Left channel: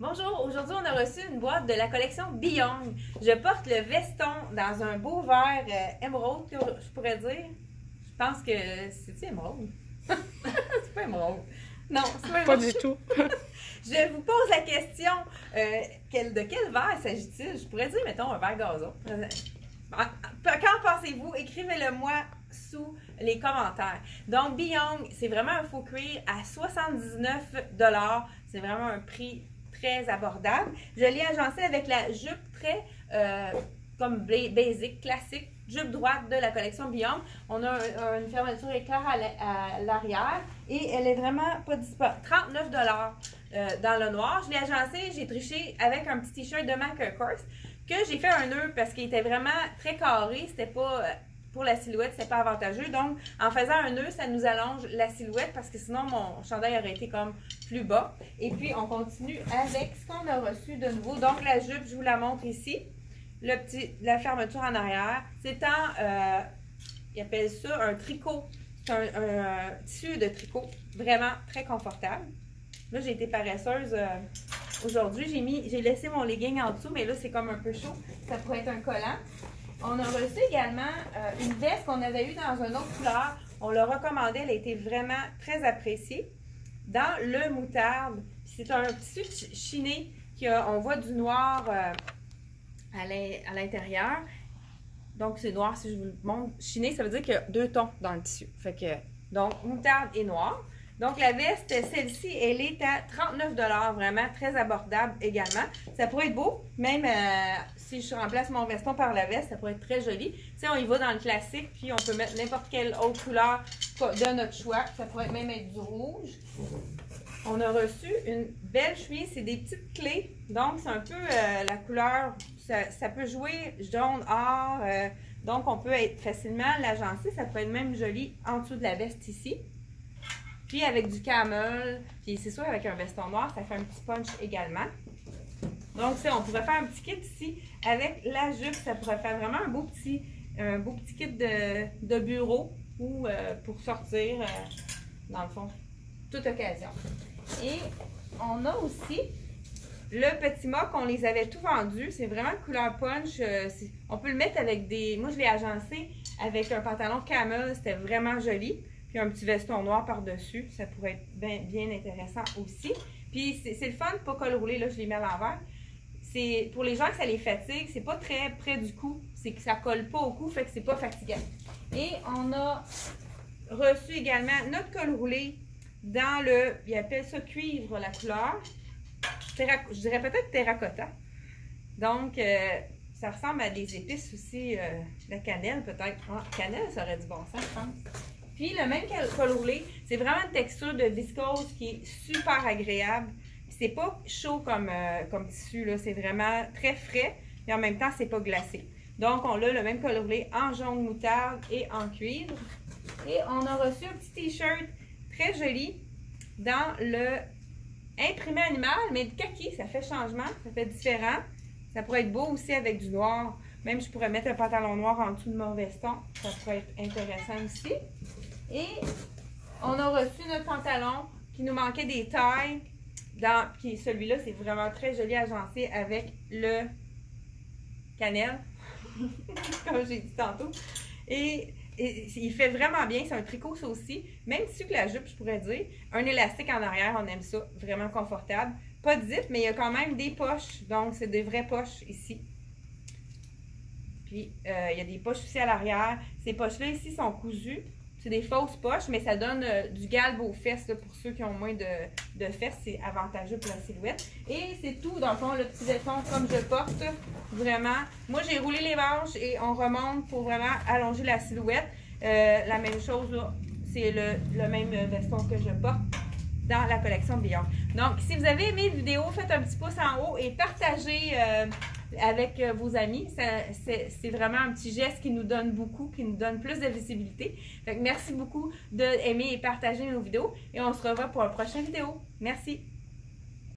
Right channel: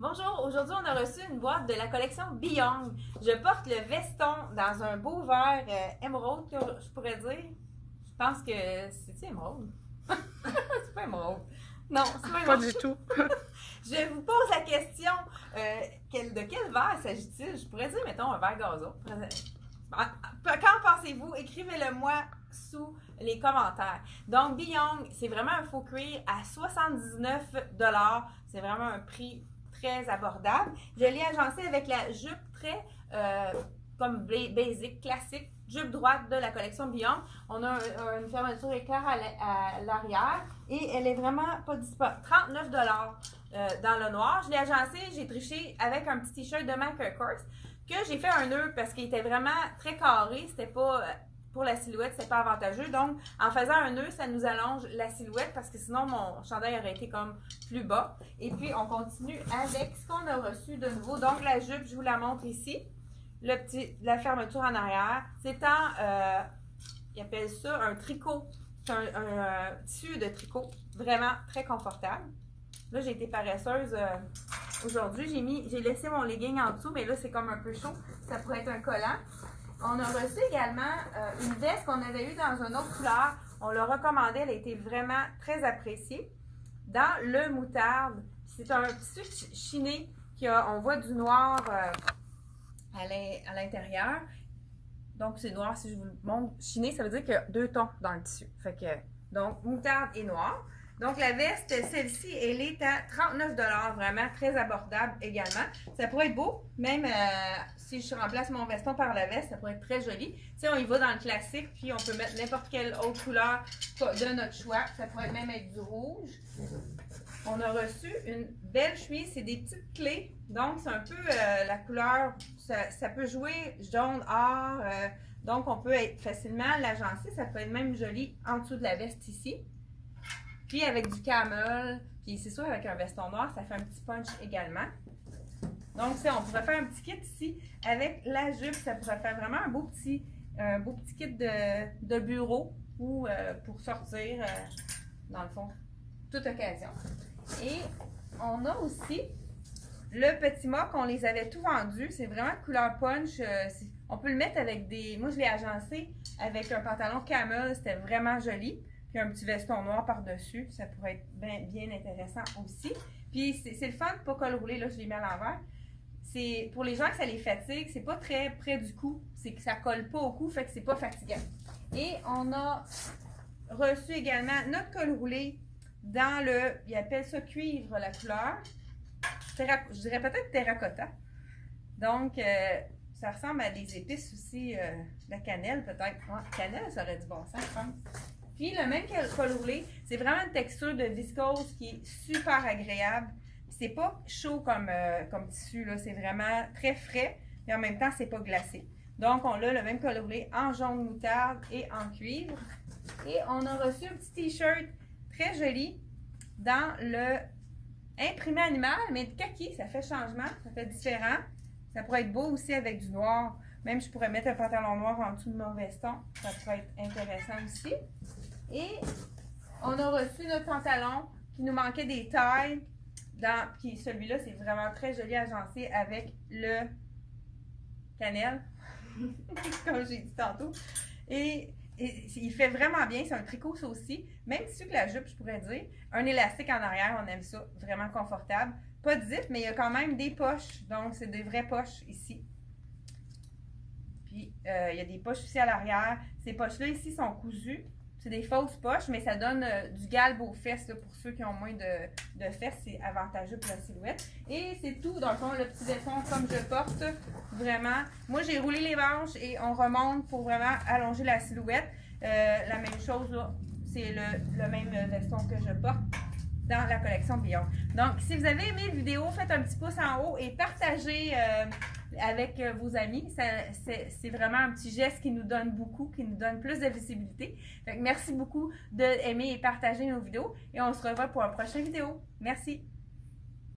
Bonjour, aujourd'hui on a reçu une boîte de la collection Beyond. Je porte le veston dans un beau vert émeraude, que je pourrais dire. Je pense que c'est-tu émeraude? C'est pas émeraude. Non, c'est pas émeraude. Pas du tout. Je vous pose la question, de quel verre s'agit-il? Je pourrais dire, mettons, un verre gazon. Qu'en pensez-vous? Écrivez-le moi sous les commentaires. Donc, Beyond, c'est vraiment un faux cuir à 79 $. C'est vraiment un prix très abordable. Je l'ai agencé avec la jupe très comme basic, classique, jupe droite de la collection Beyond. On a une fermeture éclair à l'arrière et elle est vraiment pas disponible. 39 $ dans le noir. Je l'ai agencé, j'ai triché avec un petit t-shirt de Mac Kors que j'ai fait un nœud parce qu'il était vraiment très carré. C'était pas pour la silhouette, c'est pas avantageux. Donc, en faisant un nœud, ça nous allonge la silhouette parce que sinon, mon chandail aurait été comme plus bas. Et puis, on continue avec ce qu'on a reçu de nouveau. Donc, la jupe, je vous la montre ici. La fermeture en arrière. C'est ils appellent ça un tricot. C'est un tissu de tricot. Vraiment très confortable. Là, j'ai été paresseuse aujourd'hui. J'ai laissé mon legging en dessous, mais là, c'est comme un peu chaud. Ça pourrait être un collant. On a reçu également une veste qu'on avait eue dans une autre couleur. On l'a recommandée, elle a été vraiment très appréciée. Dans le moutarde, c'est un tissu chiné on voit du noir à l'intérieur. Donc, c'est noir, si je vous le montre. Chiné, ça veut dire qu'il y a deux tons dans le tissu. Donc, moutarde et noir. Donc, la veste, celle-ci, elle est à 39 $, vraiment très abordable également. Ça pourrait être beau, même si je remplace mon veston par la veste, ça pourrait être très joli. Tu sais, on y va dans le classique, puis on peut mettre n'importe quelle autre couleur de notre choix. Ça pourrait même être du rouge. On a reçu une belle chemise, c'est des petites clés. Donc, c'est un peu la couleur, ça peut jouer jaune, or. Donc, on peut facilement l'agencer. Ça peut être même joli en dessous de la veste ici. Puis avec du camel, puis c'est sûr avec un veston noir, ça fait un petit punch également. Donc on pourrait faire un petit kit ici avec la jupe, ça pourrait faire vraiment un beau petit kit de bureau ou pour sortir, dans le fond, toute occasion. Et on a aussi le petit mock, on les avait tout vendus, c'est vraiment couleur punch. On peut le mettre avec moi je l'ai agencé avec un pantalon camel, c'était vraiment joli. Puis un petit veston noir par-dessus, ça pourrait être bien intéressant aussi. Puis c'est le fun, pas col roulé, là je l'ai mis à l'envers. C'est pour les gens que ça les fatigue, c'est pas très près du cou, c'est que ça colle pas au cou, fait que c'est pas fatigant. Et on a reçu également notre col roulé dans ils appellent ça cuivre la couleur. Je dirais peut-être terracotta. Donc ça ressemble à des épices aussi, la cannelle peut-être. Ah, cannelle, ça aurait du bon sens, je pense. Puis le même col roulé, c'est vraiment une texture de viscose qui est super agréable. C'est pas chaud comme tissu, là, c'est vraiment très frais, et en même temps, c'est pas glacé. Donc, on a le même col roulé en jaune moutarde et en cuivre. Et on a reçu un petit t-shirt très joli dans le imprimé animal, mais de kaki, ça fait changement, ça fait différent. Ça pourrait être beau aussi avec du noir. Même je pourrais mettre un pantalon noir en dessous de mon veston, ça pourrait être intéressant aussi. Et on a reçu notre pantalon qui nous manquait des tailles. Puis celui-là, c'est vraiment très joli agencé avec le cannelle, comme j'ai dit tantôt. Et il fait vraiment bien, c'est un tricot ça aussi. Même tissu que la jupe, je pourrais dire. Un élastique en arrière, on aime ça, vraiment confortable. Pas de zip, mais il y a quand même des poches, donc c'est des vraies poches ici. Puis il y a des poches aussi à l'arrière. Ces poches-là ici sont cousues. C'est des fausses poches, mais ça donne du galbe aux fesses là, pour ceux qui ont moins de fesses. C'est avantageux pour la silhouette. Et c'est tout, dans le fond, le petit veston comme je porte. Vraiment. Moi, j'ai roulé les manches et on remonte pour vraiment allonger la silhouette. La même chose, là, c'est le même veston que je porte dans la collection Beyond. Donc, si vous avez aimé la vidéo, faites un petit pouce en haut et partagez avec vos amis. C'est vraiment un petit geste qui nous donne beaucoup, qui nous donne plus de visibilité. Donc, merci beaucoup d'aimer et partager nos vidéos et on se revoit pour une prochaine vidéo. Merci!